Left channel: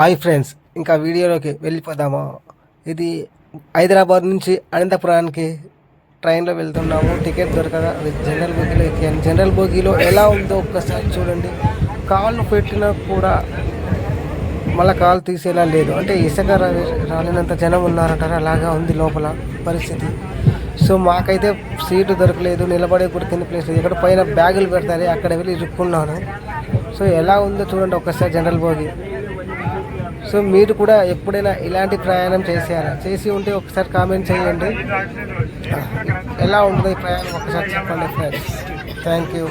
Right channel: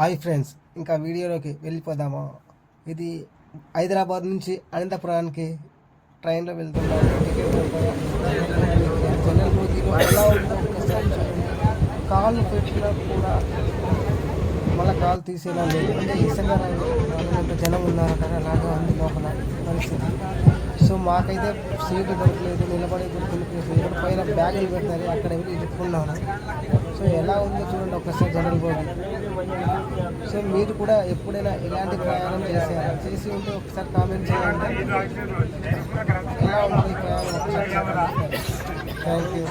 Hi friends, ఇంకా వీడియోలోకి వెళ్ళిపోదాము. ఇది హైదరాబాద్ నుంచి అనంతపురానికి ట్రైన్లో వెళ్తున్నాము. టికెట్ దొరకగా జనరల్ బోగీలో ఎక్కాను. జనరల్ బోగీలో ఎలా ఉందో ఒక్కసారి చూడండి. కాళ్ళు పెట్టినా కూడా మళ్ళీ కాలు తీసేలా లేదు. అంటే ఇసుక రాలినంత జనం ఉన్నారంటారు, అలాగా ఉంది లోపల పరిస్థితి. సో మాకైతే సీటు దొరకలేదు, నిలబడే కూడా తిని ప్లేస్ లేదు. ఇక్కడ పైన బ్యాగులు పెడతారు, అక్కడ వెళ్ళి ఇరుక్కున్నాను. సో ఎలా ఉందో చూడండి ఒక్కసారి జనరల్ బోగి. సో మీరు కూడా ఎప్పుడైనా ఇలాంటి ప్రయాణం చేసి ఉంటే ఒకసారి కామెంట్ చేయండి. ఎలా ఉందో ఈ ప్రయాణం ఒకసారి చెప్పండి ఫ్రెండ్స్. Thank you.